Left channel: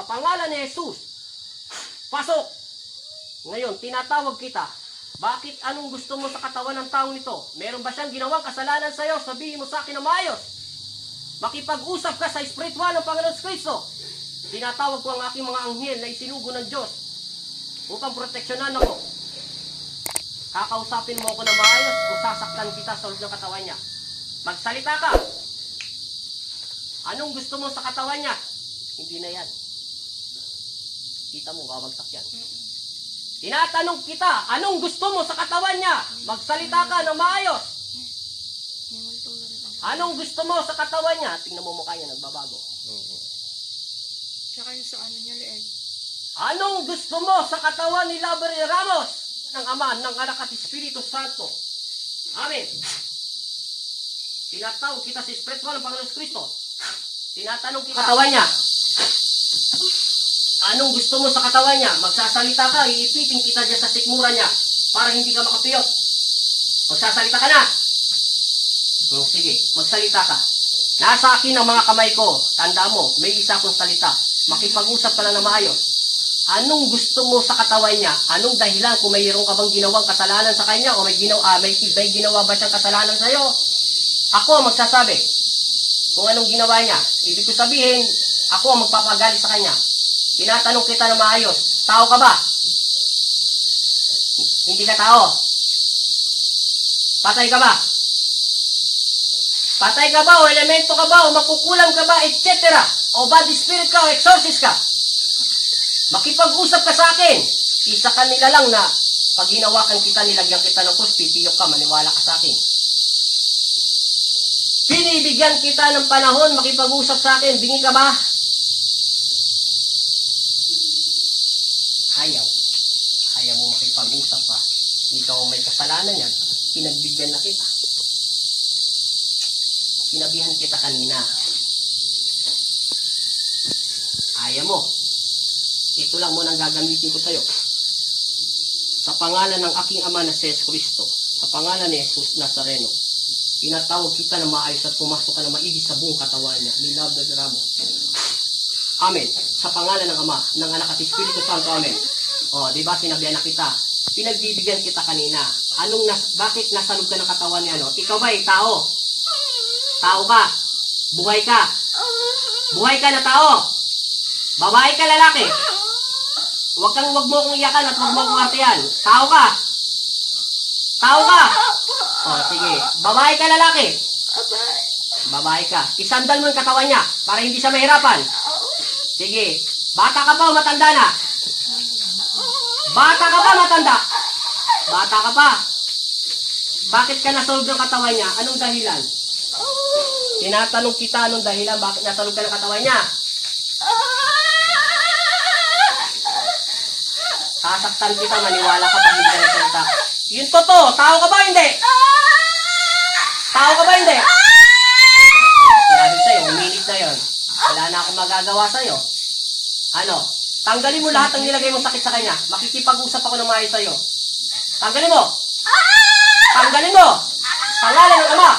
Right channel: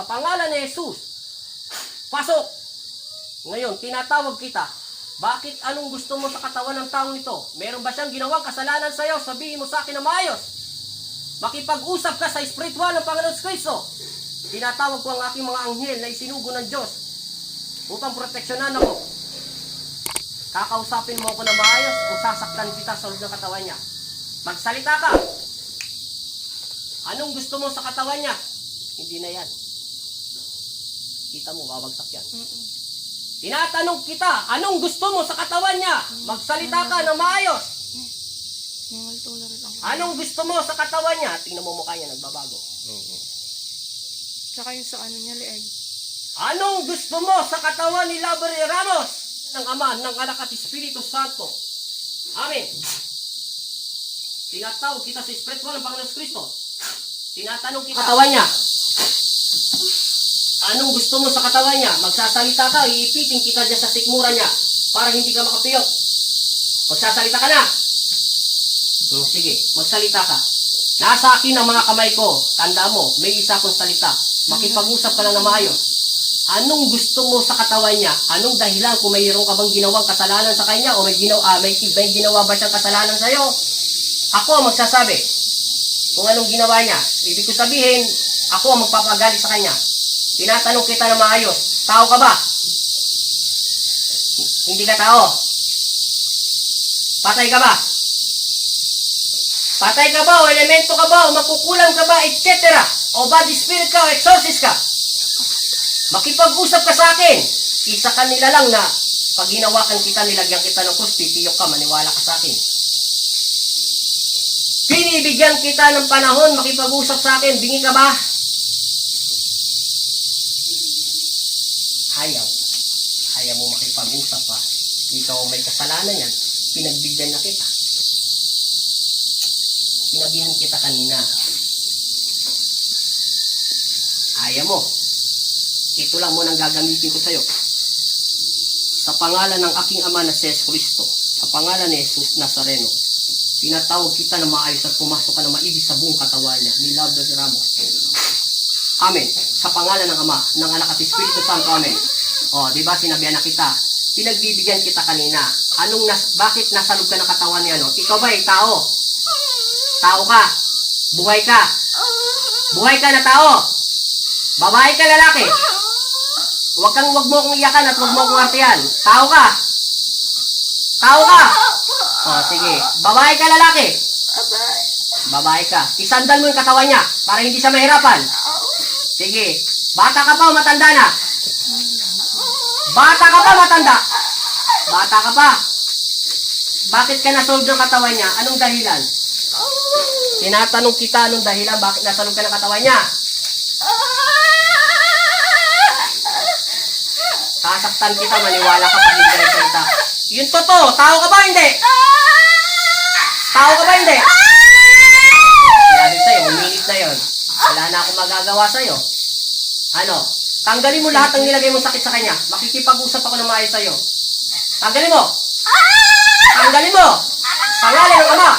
sa pangalan ni Jesus. Pasok! Ngayon, tinatawag kita. Bakit anong gusto mo sa katawan ng taong ito? Meron ba siyang ginawang kasalanan sa iyo? Sabihin mo sa akin na maayos. Makipag-usap ka sa espiritual ng Panginoon Kristo. Tinatawag ko ang aking mga anghel na isinugo ng Diyos upang proteksyonan ako. Kakausapin mo ako na maayos o sasaktan kita sa loob ng katawan niya. Magsalita ka. Anong gusto mo sa katawan niya? Hindi na yan. Kita mo, babagsak yan. Tinatanong kita, anong gusto mo sa katawan niya? Magsalita ka na maayos. Anong gusto mo sa katawan niya? Tingnan mo mukha niya, nagbabago. Tsaka yung sa ano niya, liay. Anong gusto mo sa katawan ni Labre Ramos? Ng Ama, ng Anak at Espiritu Santo. Amen. Tinatawag kita sa espiritual ng Panginoon Kristo. Tinatanong kita katawan niya. Anong gusto mo sa katawan niya? Magsasalita ka, iipitin kita dyan sa sikmura niya para hindi ka makapiyok. Magsasalita ka na. Sige, magsalita ka. Nasa akin ang mga kamay ko. Tanda mo, may isa akong salita. Makipag-usap ka lang na maayos. Anong gusto mo sa katawan niya? Anong dahilan kung mayroon ka bang ginawang kasalanan sa kanya o may ginawa ba siyang kasalanan sa iyo? Ako ang magsasabi kung anong ginawa niya. Ibig ko sabihin, ako ang magpapagalit sa kanya. Tinatanong kita na maayos. Tao ka ba? Hindi ka tao. Patay ka ba? Patay ka ba o elemento ka ba o makukulam ka ba, etc. O bad spirit ka o exorcist ka? Makipag-usap ka sa akin. Isa kanila lang na pag ginawakan kita, nilagyan kita ng krus, titiyok ka, maniwala ka sa akin. Binibigyan kita ng panahon, makipag-usap sa akin, bingi ka ba? Ayaw mo makipag-usap pa. Ikaw ang may kasalanan yan. Pinagbigyan na kita. Sinabihan kita kanina. Ayaw mo. Ito lang mo nang gagamitin ko sa'yo. Sa pangalan ng aking Ama na si Kristo, sa pangalan ni Jesus Nazareno, tinatawag kita na maayos at pumasok ka na maibig sa buong katawan niya, ni Labre Ramos. Amen. Sa pangalan ng Ama, ng Anak at Espiritu Santo, Amen. O, di ba sinabihan na kita? Pinagbibigyan kita kanina. Bakit nasa loob ka ng katawan niya, no? Ikaw ba tao? Tao ka? Buhay ka? Buhay ka na tao? Babae ka, lalaki? Wag mo akong iyakan at wag mo akong artihan. Tao ka? Tao ka? O, sige. Babae ka, lalaki? Babae ka. Isandal mo yung katawan niya para hindi siya mahirapan. Sige. Bata ka pa o matanda na? Bata ka pa, matanda? Bata ka pa. Bakit ka nasolve ng katawan niya? Anong dahilan? Tinatanong kita anong dahilan bakit nasolve ka ng katawan niya? Sasaktan kita, maniwala ka pag hindi ka salita. Yun totoo. Tao ka ba hindi? Tao ka ba hindi? Sinabi sa'yo, uminit na yun. Wala na akong magagawa sa'yo. Ano? Tanggalin mo lahat ng nilagay mong sakit sa kanya. Makikipag-usap ako ng maayos sa'yo. Tanggalin mo. Tanggalin mo. Pangalan ng Ama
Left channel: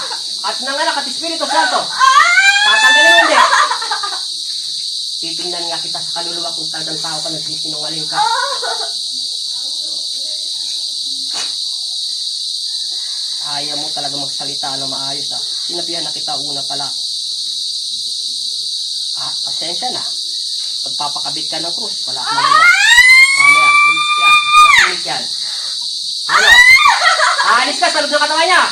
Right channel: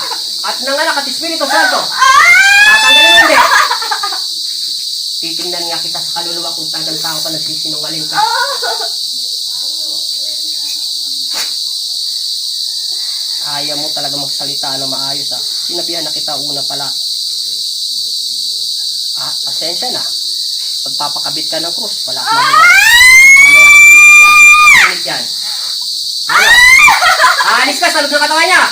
at ng Anak at Espiritu Santo. Tatanggalin mo hindi. Titingnan nga kita sa kaluluwa kung tagang tao ka, nagsisinungaling ka. Ayaw mo talaga magsalita na maayos ah. Sinabihan na kita una pala. Pasensya na. Pagpapakabit ka ng krus, wala akong magawa. Ano yan? Ano? Aalis ka sa loob ng katawan niya.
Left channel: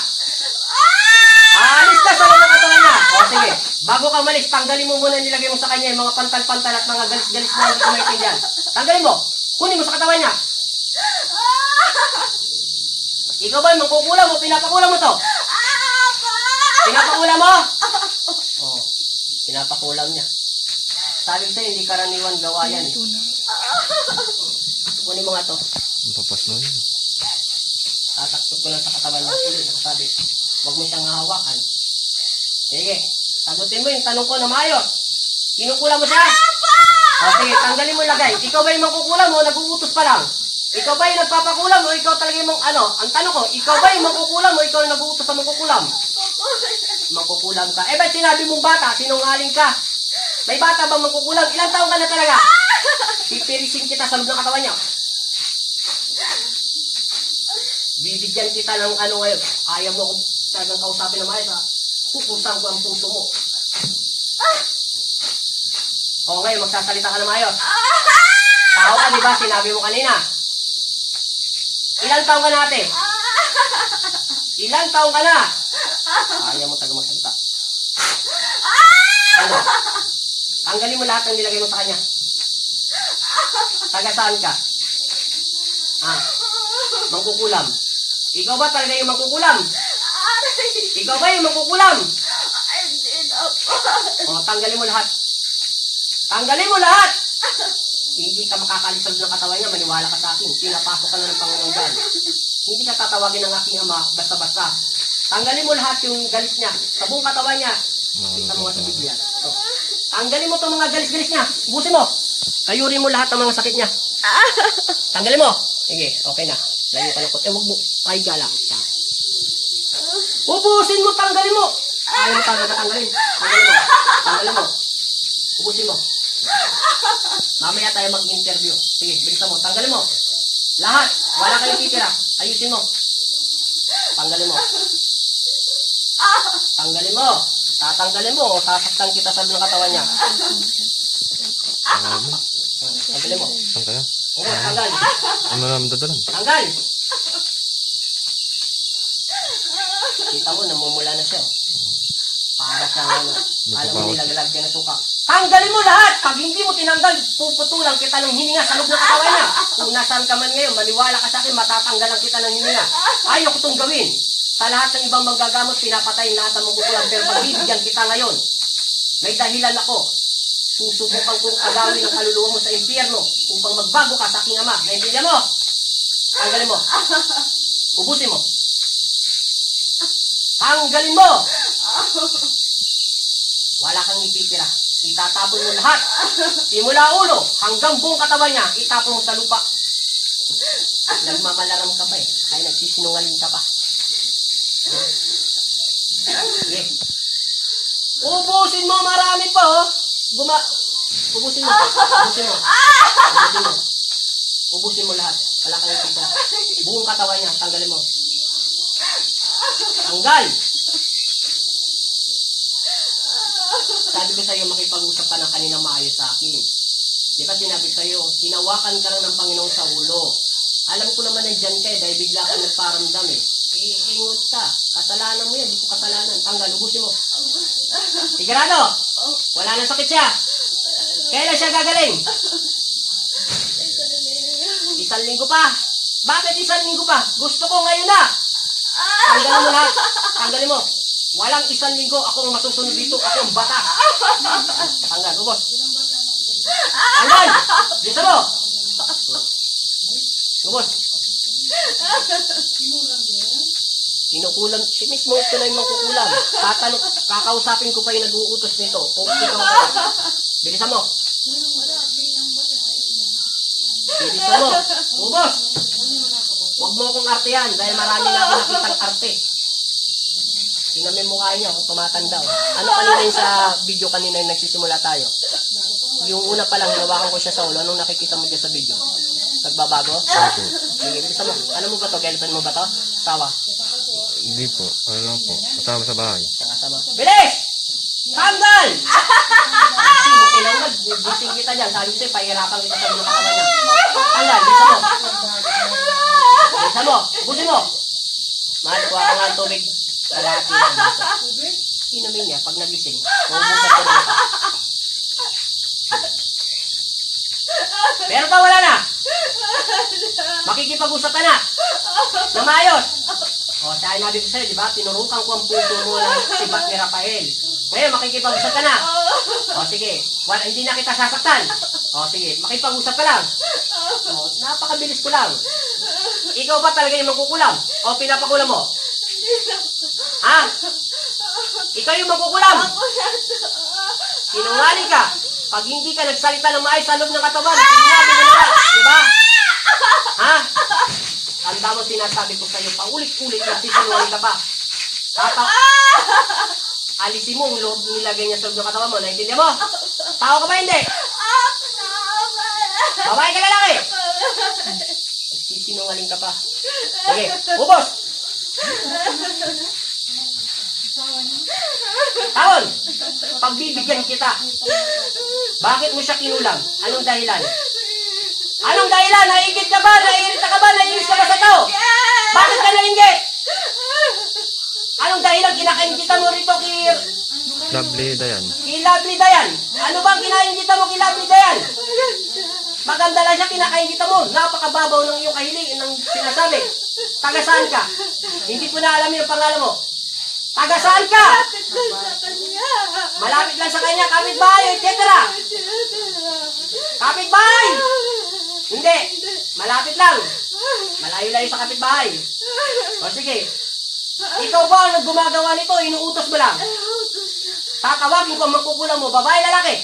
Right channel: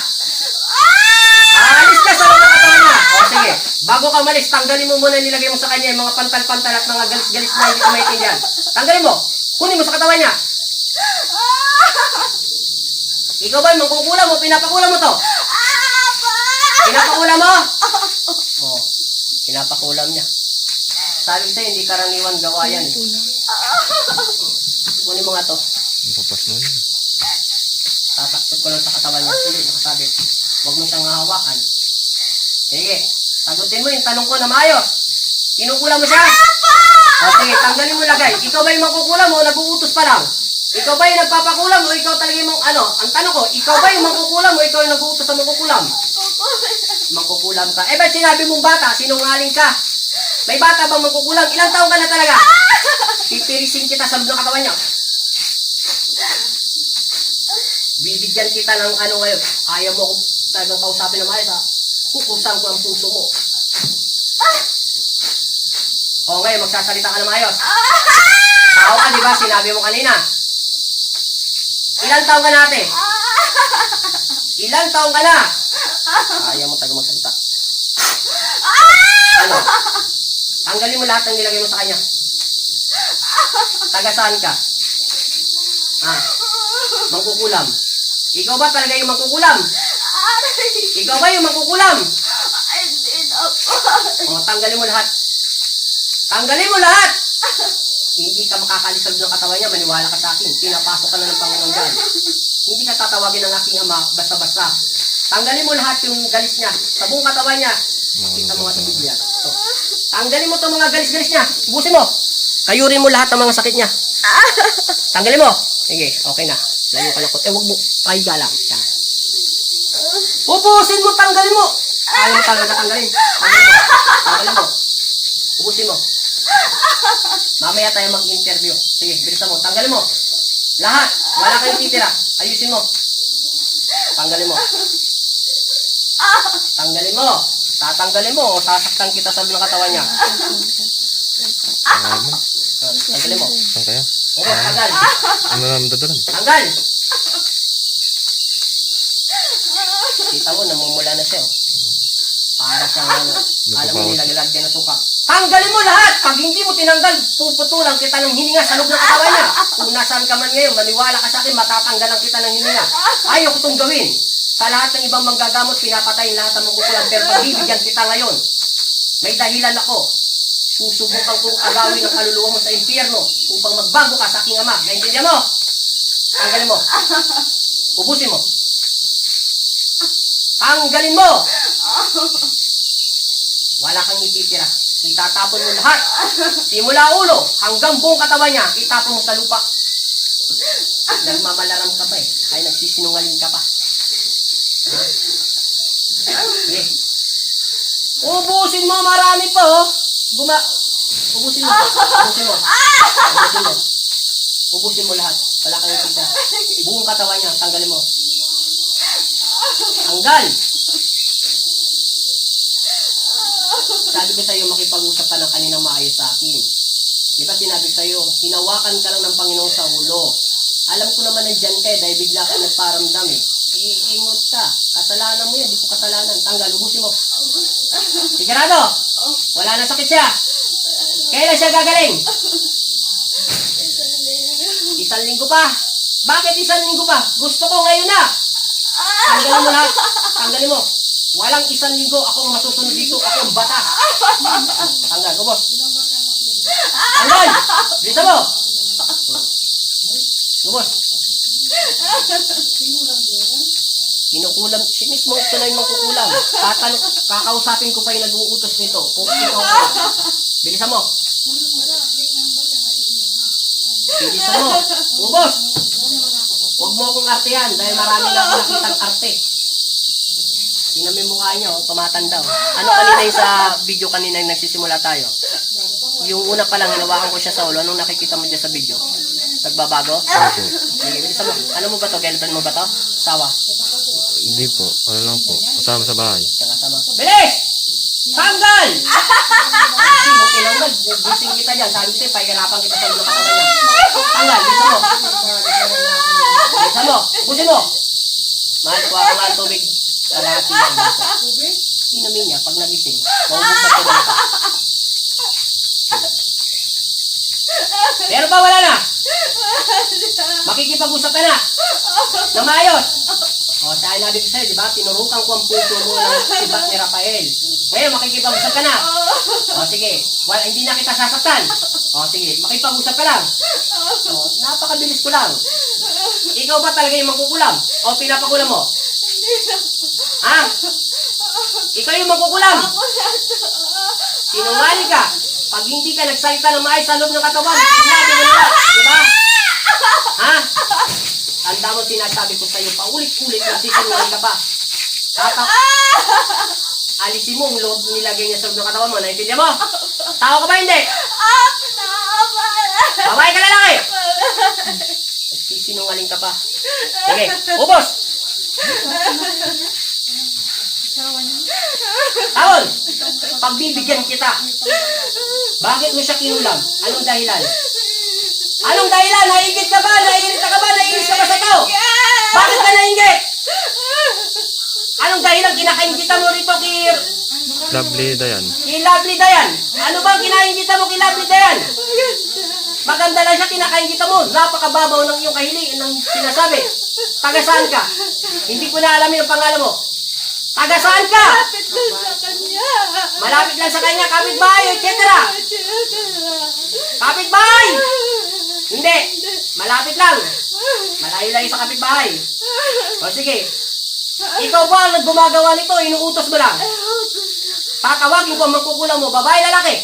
Aalis ka sa loob ng katawan niya. O sige, bago ka umalis, tanggalin mo muna nilagay mo sa kanya yung mga pantal-pantal at mga galis-galis na hindi ko maintindihan. Tanggalin mo. Kunin mo sa katawan niya. Ikaw ba, mangkukulam mo? Pinapakulam mo to? Pinapakulam mo? Oo, pinapakulam niya. Sabi sa'yo, hindi karaniwan gawa yan eh. Kunin mo nga to. Papas mo yun. Tataktot ko lang sa katawan niya. Hindi, nakasabit. Huwag mo siyang hahawakan. Sige, sagutin mo yung tanong ko na maayos. Kinukulam mo siya? O sige, tanggalin mo lagay. Ikaw ba yung mangkukulam o nag-uutos pa lang? Ikaw ba yung nagpapakulam o ikaw talaga yung ang tanong ko, ikaw ba yung mangkukulam o ikaw yung nag-uutos sa mangkukulam? Mangkukulam ka. Eh ba't sinabi mong bata? Sinungaling ka. May bata bang mangkukulam? Ilang taon ka na talaga? Pipirisin kita sa loob ng katawan niya. Bibigyan kita ng ano ngayon. Ayaw mo kung talagang kausapin na maayos ha. Kukusan ko ang puso mo. O ngayon, magsasalita ka na maayos. Tao ka, di ba? Sinabi mo kanina. Ilang taong ka na ate? Ilang taong ka na? Ayaw mo taga magsalita. Ano? Tanggalin mo lahat ng nilagay mo sa kanya. Taga saan ka? Mangkukulam. Ikaw ba talaga yung mangkukulam? Ikaw ba yung mangkukulam? O, tanggalin mo lahat. Tanggalin mo lahat! Hindi ka makakalis sa loob ng katawan niya, maniwala ka sa akin. Pinapasok ka na ng Panginoon dyan. Hindi ka tatawagin ng aking ama, basta-basta. Tanggalin mo lahat yung galis niya, sa buong katawan niya. Kita mo nga ito bigyan. So, tanggalin mo itong mga galis-galis niya. Ubusin mo. Kayurin mo lahat ng mga sakit niya. Tanggalin mo. Sige, okay na. Layo ka na ko. Huwag mo. Pahiga lang. Yan. Ubusin mo, tanggalin mo. Ayaw mo talaga tanggalin. Tanggalin mo. Tanggalin mo. Ubusin mo. Mamaya tayo mag-interview. Sige, bilisan mo. Tanggalin mo. Lahat. Wala kayong titira. Ayusin mo. Tanggalin mo. Tanggalin mo. Tatanggalin mo. Sasaktan kita sa loob ng katawan niya. Tanggalin mo. Saan kaya? Oo, tanggal. Ang maraming dadalan. Tanggal. Kita mo, namumula na siya. Para siyang ano. Alam mo nilaglag dyan na suka. Tanggalin mo lahat! Pag hindi mo tinanggal, puputulan kita ng hininga sa loob ng katawan niya. Kung nasaan ka man ngayon, maniwala ka sa akin, matatanggalan kita ng hininga. Ayaw ko itong gawin. Sa lahat ng ibang manggagamot, pinapatay lahat ng mangkukulam. Pero pagbibigyan kita ngayon, may dahilan ako. Susubukan kong agawin ang kaluluwa mo sa impyerno upang magbago ka sa aking ama. Naintindihan mo? Tanggalin mo. Ubusin mo. Tanggalin mo! Wala kang ititira. Itatapon mo lahat. Simula ulo hanggang buong katawan niya, itapon mo sa lupa. Nagmamalaram ka pa eh. Kaya nagsisinungaling ka pa. Ha? Sige. Ubusin mo, marami pa oh. Ubusin mo. Ubusin mo. Ubusin mo. Ubusin mo lahat. Wala kang ititira. Buong katawan niya, tanggalin mo. Tanggal! Sabi ko sa iyo, makipag-usap ka na kanina maayos sa akin. Di ba sinabi sa iyo, hinawakan ka lang ng Panginoon sa ulo. Alam ko naman nandiyan ka dahil bigla ka nagparamdam eh. Iingot ka. Kasalanan mo yan, di ko kasalanan. Tanggal, ubusin mo. Sigurado? Wala na sakit siya. Kailan siya gagaling? 1 linggo pa. Bakit 1 linggo pa? Gusto ko ngayon na. Tanggalin mo lahat. Tanggalin mo. Walang 1 linggo. Ako ang masusunod dito. Ako ang bata. Tanggal. Ubos. Tanggal. Bisa mo. Ubos. Kinukulam. Si mismo ito na yung magkukulam. Kakausapin ko pa yung nag-uutos nito. Kung ikaw ka. Bilisan mo. Bilisan mo. Ubos. Huwag mo akong artehan dahil marami na ako nakitang arte. Tingnan mo yung mukha nyo, tumatanda. Ano kanina yung sa video kanina yung nagsisimula tayo? Yung una pa lang, hinawakan ko siya sa ulo. Anong nakikita mo dyan sa video? Nagbabago? Sige, bilisan mo. Ano mo ba to? Girlfriend mo ba to? Sawa? Hindi po. Ano lang po. Kasama sa bahay. Nakasama. Bilis! Tanggal! Kasi mo tinanggal. Gising kita dyan. Sabi sa'yo, pahirapan kita sa mga katawan niya. Tanggal, bilisan mo. Bilisan mo. Busin mo. Mahal, kuha ko nga ang tubig. Kalahati lang dito. Inumin niya pag nagising. Maubusan ko lang pa. Pero pa wala na. Makikipag-usap ka na. Na maayos. O, siya ay nabig sa'yo, di ba? Tinurukan ko ang puso mo ng sibat ni Rafael. Ngayon, makikipag-usap ka na. O, sige. Hindi na kita sasaktan. O, sige. Makipag-usap ka lang. O, napakabilis ko lang. Ikaw ba talaga yung magkukulam? O, pinapakulam mo? Ha? Ikaw yung magkukulam? Sinungaling ka. Pag hindi ka nagsalita ng maayos sa loob ng katawan, sinabi mo na, di ba? Ha? Tanda mo sinasabi ko sa'yo, paulit-ulit na sisinungaling ka pa. Alisin mo ang loob nilagay niya sa loob ng katawan mo, naintindihan mo? Tao ka ba hindi? Babae ka lalaki? Nagsisinungaling ka pa. Sige, ubos! Paul, pagbibigyan kita. Bakit mo siya kinulam? Anong dahilan? Anong dahilan? Naingit ka ba? Naiirita ka ba? Naiinis ka ba sa tao? Bakit ka nainggit? Anong dahilan kinakaingita mo rito Lovely Dayan. kay Lovely Dayan? Ano bang kinaingita mo kay Lovely Dayan? Maganda lang siya, kinakaingita mo. Napakababaw ng iyong ng sinasabi. Taga saan ka? Hindi ko na alam yung pangalan mo. Taga saan ka? Malapit lang sa kanya, kapitbahay, etc. Kapitbahay! Hindi, malapit lang. Malayo-layo sa kapitbahay. O sige, ikaw ba ang gumagawa nito? Inuutos mo lang. Tatawagin ko ang mangkukulam mo. Babae, lalaki?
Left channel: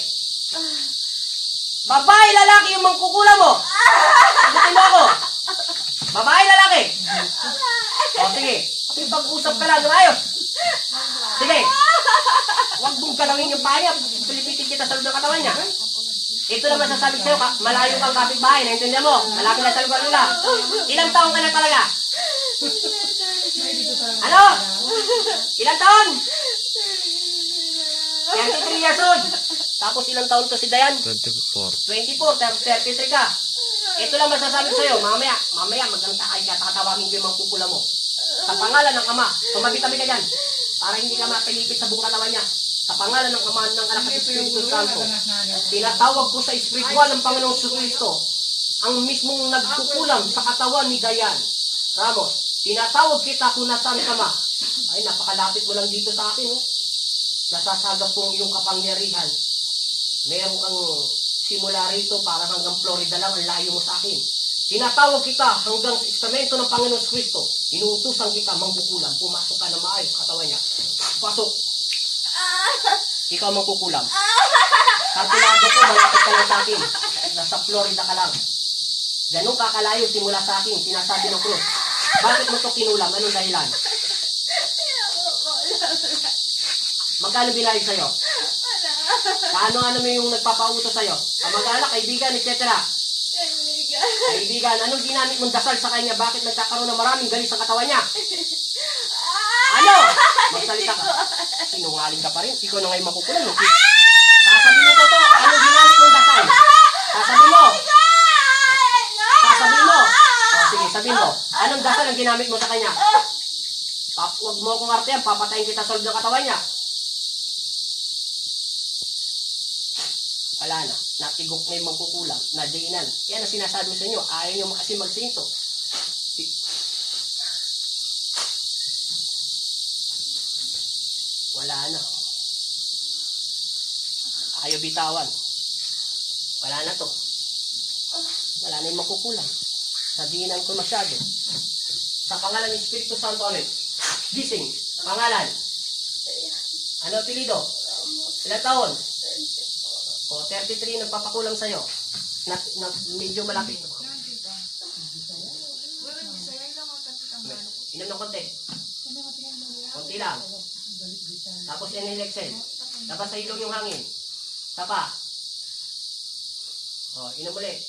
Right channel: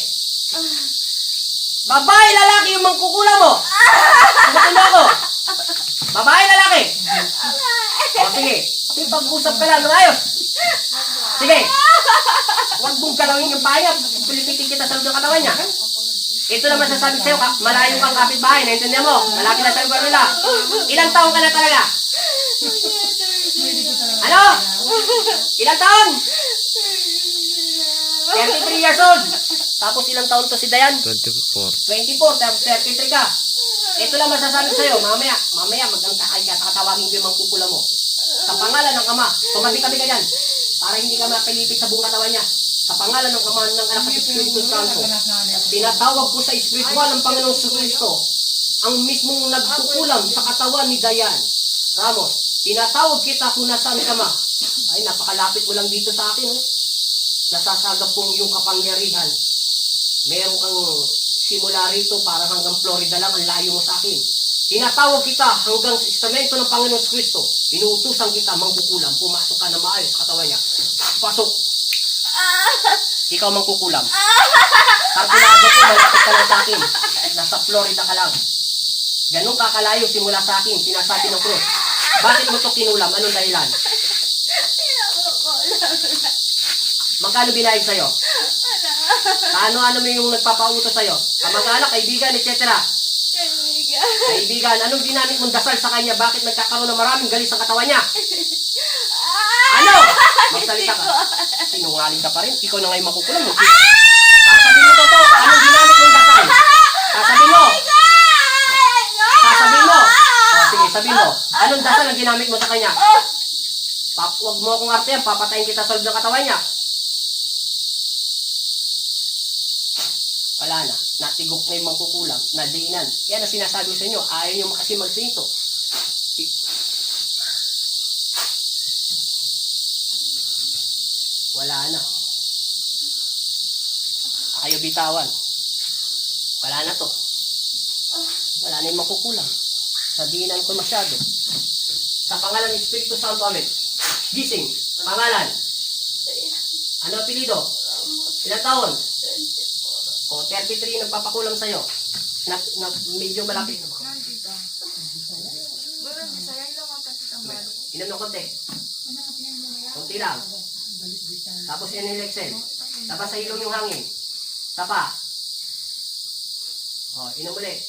Babae, lalaki yung mangkukulam mo. Sagutin mo ako. Babae, lalaki? O sige, pag-usap ka lang ng ayos. Sige, huwag mong galawin yung pahinga. Pulipitin kita sa loob ng katawan niya. Ito lang masasabi sa'yo, malayo kang kapitbahay, naintindihan mo? Malapit na sa lugar nila. Ilang taong ka na talaga? Ano? Ilang taon? 33 years old. Tapos ilang taon to si Dayan? 24. 24, tapos 33 ka. Ito lang masasabi sa'yo, mamaya magangtakay ka, tatawagin ko yung mangkukula mo. Sa pangalan ng Ama, tumabi-tabi ka dyan, para hindi ka mapilipit sa buong katawan niya. Sa pangalan ng Ama, ng Anak ng Espiritu Santo, pinatawag ko sa espiritual ng Panginoong Kristo, ang mismong nagkukulam sa katawan ni Dayan. Ramos, tinatawag kita kung nasaan ka ma. Ay, napakalapit mo lang dito sa akin. Nasasagap pong iyong kapangyarihan. Meron kang simula rito, parang hanggang Florida lang, ang layo mo sa akin. Tinatawag kita hanggang sa istamento ng Panginoong Kristo. Inuutusan kita, mangkukulam. Pumasok ka na maayos sa katawan niya. Pasok. Ikaw mangkukulam. Tarpulado ko, malapit ka lang sa akin. Nasa Florida ka lang. Ganun ka kalayo simula sa akin, sinasabi ng krus. Bakit mo ito kinulam? Anong dahilan? Magkano binayad sa'yo? Ano mo yung nagpapautos sa'yo? Kamag-anak, kaibigan, etc. Kaibigan, anong ginamit mong dasal sa kanya? Bakit nagkakaroon ng maraming galis sa katawan niya? Ano? Magsalita ka. Sinungaling ka pa rin. Ikaw na ngayon makukulam. Sasabihin mo to. Anong ginamit mong dasal? Sasabihin mo. Sasabihin mo. Sige, sabihin mo. Anong dasal ang ginamit mo sa kanya? Huwag mo akong arte yan. Papatayin kita sa loob ng katawan niya. Wala na. Natigok na yung mangkukulam. Nadiinan. Yan ang sinasabi sa inyo. Ayaw nyo kasi magsinto. Wala na. Ayaw bitawan. Wala na to. Wala na yung makukulam. Nadiinan ko masyado. Sa pangalan ng Espiritu Santo, amen. Gising. Pangalan. Ano apelido? Ilang taon? O, 33 nagpapakulam sa'yo. Medyo malapit. Inom ng konti. Konti lang. Tapos yan yung Lexel. Tapos sa ilong yung hangin. Tapa. O, inom ulit.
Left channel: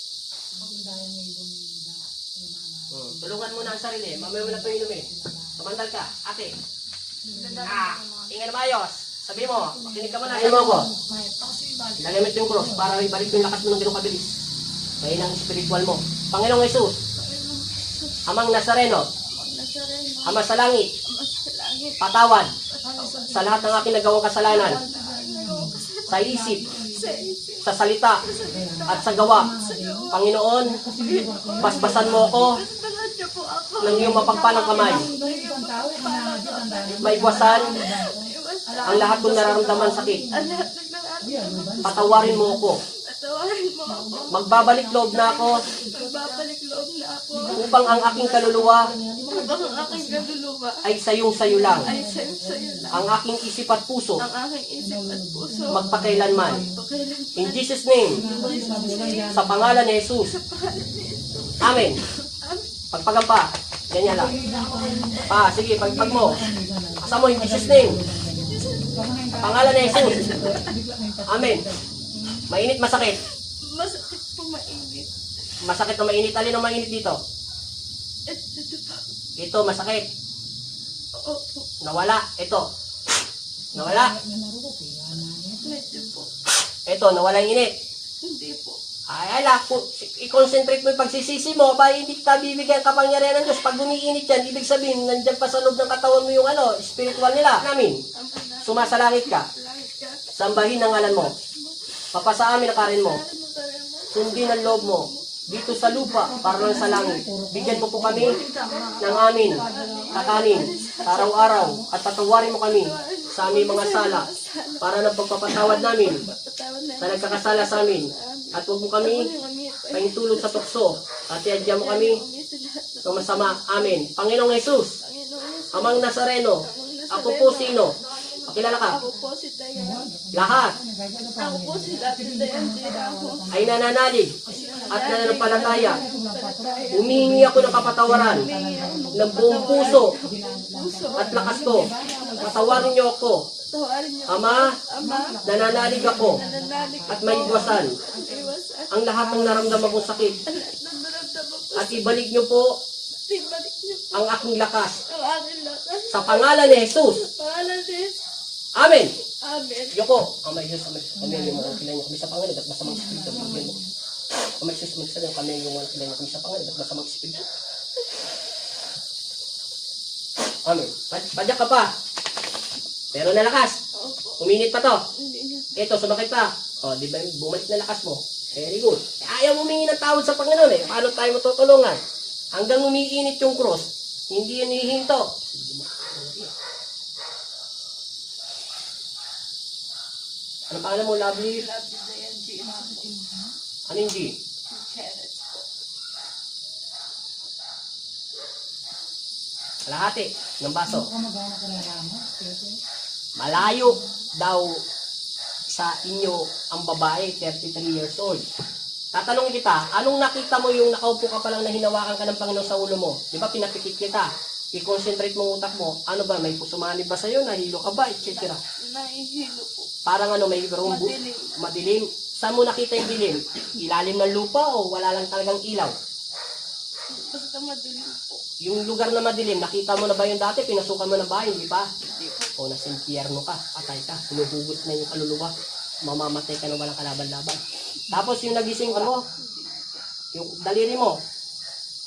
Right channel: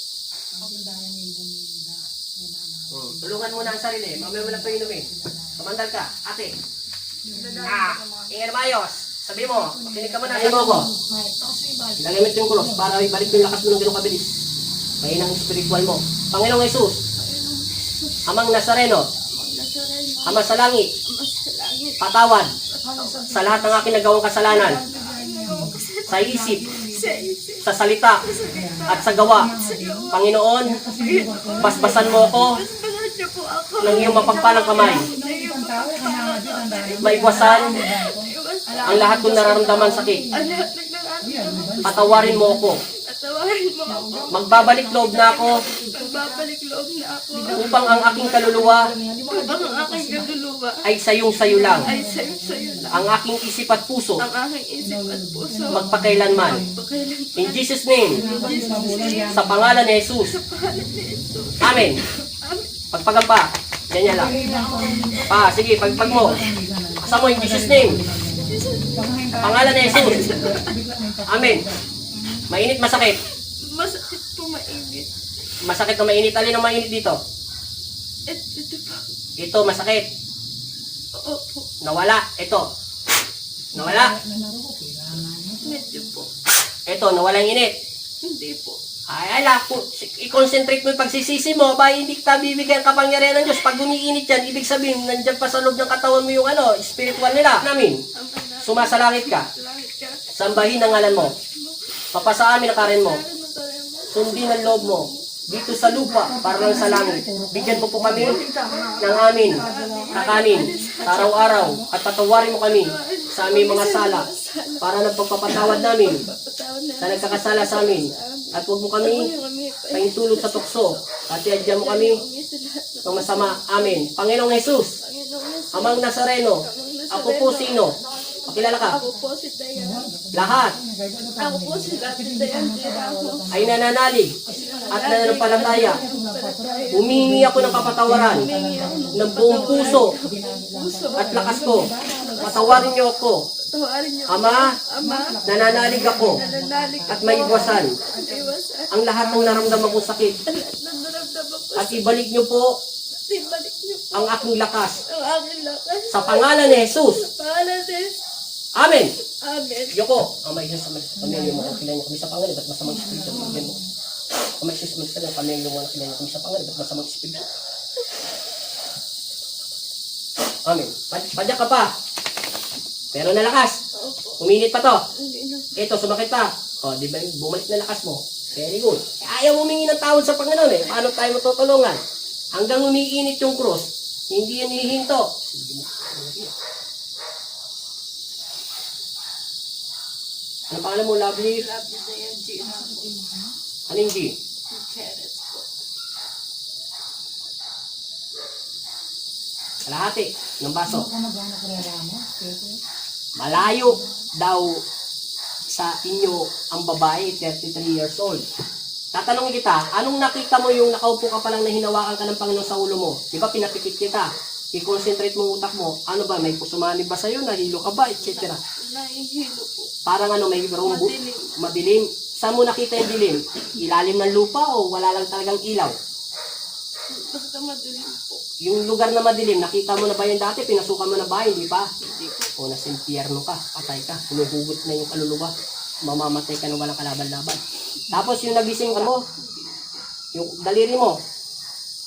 Tulungan mo na ang sarili. Mamaya mo na ito inumin. Kamandal ka. Ate. Ingin mayos. Sabi mo, makinig ka muna. Sabi mo ko. Ilagamit yung cross para ibalik yung lakas mo ng ganong kabilis. Kaya ng spiritual mo. Panginoong Jesus, Amang Nazareno, Ama sa langit, patawad sa lahat ng aking nagawang kasalanan, sa isip, sa salita, at sa gawa. Panginoon, basbasan mo ako ng iyong mapagpalang kamay. Maigwasan ang lahat kong nararamdaman sakit. Patawarin mo ako. Magbabalik loob na ako upang ang aking kaluluwa ay sayong-sayo lang. Ang aking isip at puso magpakailanman. In Jesus' name, sa pangalan ni Jesus. Amen. Pagpagan pa. Ganyan lang. Sige, pagpag mo. Kasama mo in Jesus' name. Sa pangalan ni Jesus. Amen. Mainit, masakit. Masakit po, mainit. Masakit o mainit? Alin ang mainit dito? Ito po. Ito, masakit. Opo. Nawala. Ito. Nawala. Medyo po. Ito, nawala yung init. Hindi po. Ay, ala, i-concentrate mo yung pagsisisi mo, ba hindi ka bibigyan kapangyarihan ng Diyos. Pag umiinit yan, ibig sabihin, nandyan pa sa loob ng katawan mo yung spiritual nila. Namin, sumasalangit ka. Langit ka. Sambahin ang ngalan mo. Papasa amin ang karen mo. Sundin ang loob mo. Dito sa lupa, para lang sa langit. Bigyan mo po kami ng amin, kakanin, araw-araw, at patawarin mo kami sa aming mga sala, para ng pagpapatawad namin sa nagkakasala sa amin. At huwag mo kami paintulog sa tukso, at iadya mo kami ng masama. Amin. Panginoong Jesus, Amang Nazareno, ako po sino? Pakilala ka. Ako po si Diana. Lahat Ako po si Diana. ay nananalig at nananampalataya. Humingi ako ng kapatawaran ng buong puso at lakas ko. Patawarin niyo ako. Tawarin niyo. Ama, Ama, nananalig ako nananalig at may iwasan iwasan. ang lahat ng naramdaman kong sakit. Nang naramdaman ko, At ibalik niyo po ibalik niyo po ang aking lakas. ang aking lakas. Sa pangalan ni Jesus. Pangalan din. Amen. Amen. Yoko, Amay Jesus, pamilya mo, kilayin kami sa pangalan, at masamang espiritu. Amay Jesus, pamilya mo, kilayin kami sa pangalan, at masamang espiritu. Amen. Padyak ka pa. Pero nalakas. Opo. Uminit pa to. Hindi na. Ito, sumakit pa. O, di ba, bumalik na lakas mo. Very good. Ayaw humingi ng tawad sa Panginoon eh. Paano tayo matutulungan? Hanggang umiinit yung cross, hindi yan hihinto. Ano pangalan mo, Lovely? Love you, Diane G. Anong G? Charles po. Kalahati ng baso. Malayo daw sa inyo ang babae, 33 years old. Tatanungin kita, anong nakita mo yung nakaupo ka pa lang na hinawakan ka ng Panginoon sa ulo mo? Di ba pinapikit kita? I-concentrate mo ang utak mo. Ano ba, may pusumanib ba sa'yo? Nahilo ka ba? Etc. Nahihilo po. Parang ano, may rumbo. Madilim. Madilim. Saan mo nakita yung dilim? Ilalim ng lupa o wala lang talagang ilaw? Basta madilim po. Yung lugar na madilim, nakita mo na ba yun dati? Pinasukan mo na ba? Hindi pa? Hindi po. O nasa impyerno ka, patay ka, humuhugot na yung kaluluwa, mamamatay ka na walang kalaban-laban. Tapos yung nagising ka mo, yung daliri mo,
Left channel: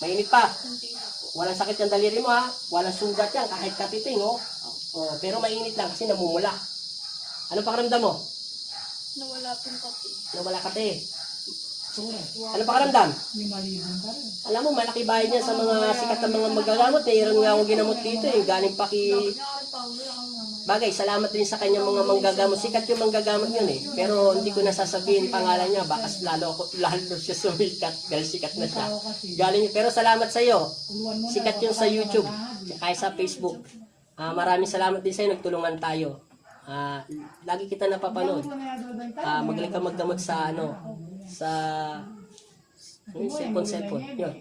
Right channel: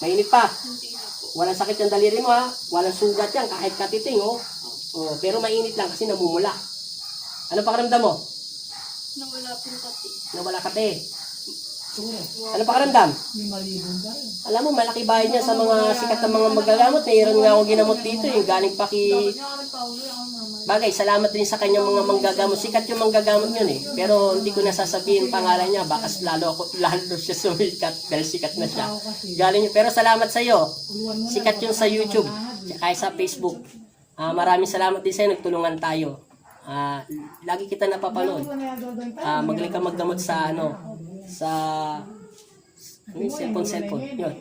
mainit pa, Hindi na po. walang sakit yung daliri mo ha, walang sugat yan, kahit katiting oh. O, pero mainit lang kasi namumula. Ano pakiramdam mo? Nawala pong kape. Nawala kate. Ano pakiramdam? Alam mo, malaki bahay niya sa mga sikat na mga magagamot. Mayroon nga akong ginamot dito eh. Galing pa Bagay, salamat din sa kanyang mga manggagamot. Sikat yung manggagamot yun eh. Pero hindi ko nasasabihin pangalan niya. Baka lalo siya sumikat dahil sikat na siya. Galing niya. Pero salamat sa iyo. Sikat yun sa YouTube. Kaya sa Facebook. Maraming salamat din sa iyo. Nagtulungan tayo. Lagi kita napapanood. Magaling ka maggamot sa cellphone. Yun.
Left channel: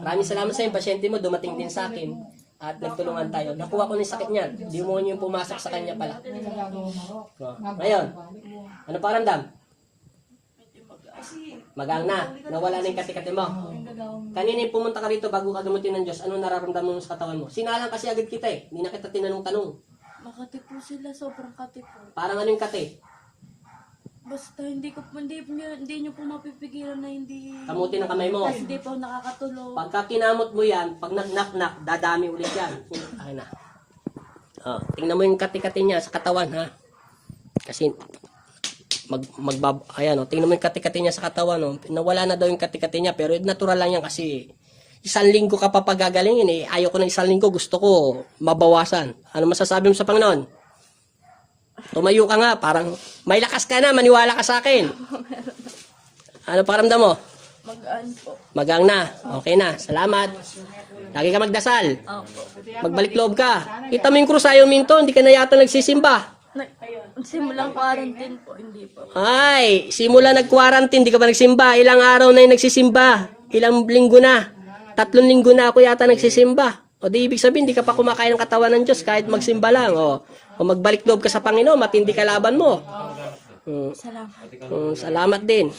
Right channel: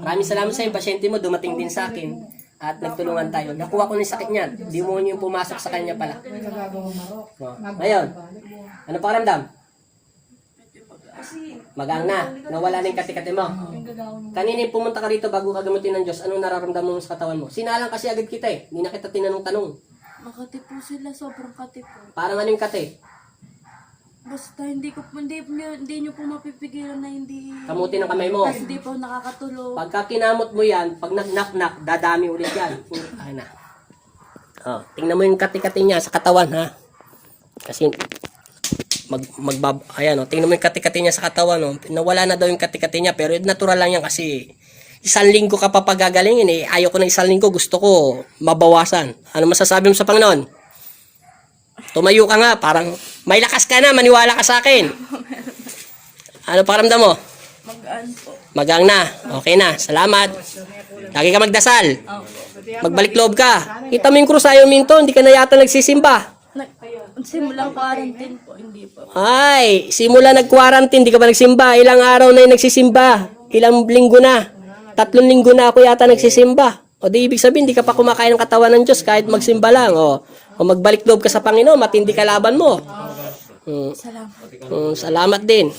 Maraming salamat sa iyo. Pasyente mo, dumating din sa akin. At nagtulungan tayo. Nakuha ko na yung sakit niyan. Di mo yung pumasok sa kanya pala. Ngayon, ano pakiramdam? Magang na. Nawala na yung kati-kati mo. Kanina yung pumunta ka rito bago ka gamutin ng Diyos, anong nararamdaman mo sa katawan mo? Sinalang kasi agad kita eh. Hindi na kita tinanong-tanong. Makati po sila, sobrang kati po. Parang ano yung kati? Basta hindi nyo po mapipigilan na hindi... Kamutin ang kamay mo. Hindi po nakakatulog. Pagka kinamot mo yan, pag nak-nak, dadami ulit yan. Ay na. Tingnan mo yung kati-kati niya sa katawan ha. Kasi tingnan mo yung kati-kati niya sa katawan no. Nawala na daw yung kati-kati niya pero natural lang yan kasi 1 linggo ka pa pagagalingin eh. Ayaw ko ng 1 linggo, gusto ko mabawasan. Ano masasabi mo sa Panginoon? Tumayo ka nga, parang may lakas ka na, maniwala ka sa akin. Ano pakiramdam mo? Magaan po. Magang na. Okay na. Salamat. Lagi ka magdasal. Magbalik loob ka. Kita mo yung krus, ayaw minto. Hindi ka na yata nagsisimba. Simulang quarantine po, hindi pa. Ay, simula nag-quarantine, hindi ka ba nagsimba? Ilang araw na yung nagsisimba? Ilang linggo na? 3 linggo na ako yata nagsisimba. O di ibig sabihin, hindi ka pa kumakain ng katawan ng Diyos kahit magsimba lang. O magbalik loob ka sa Panginoon, matindi ka laban mo. Salamat. Salamat din.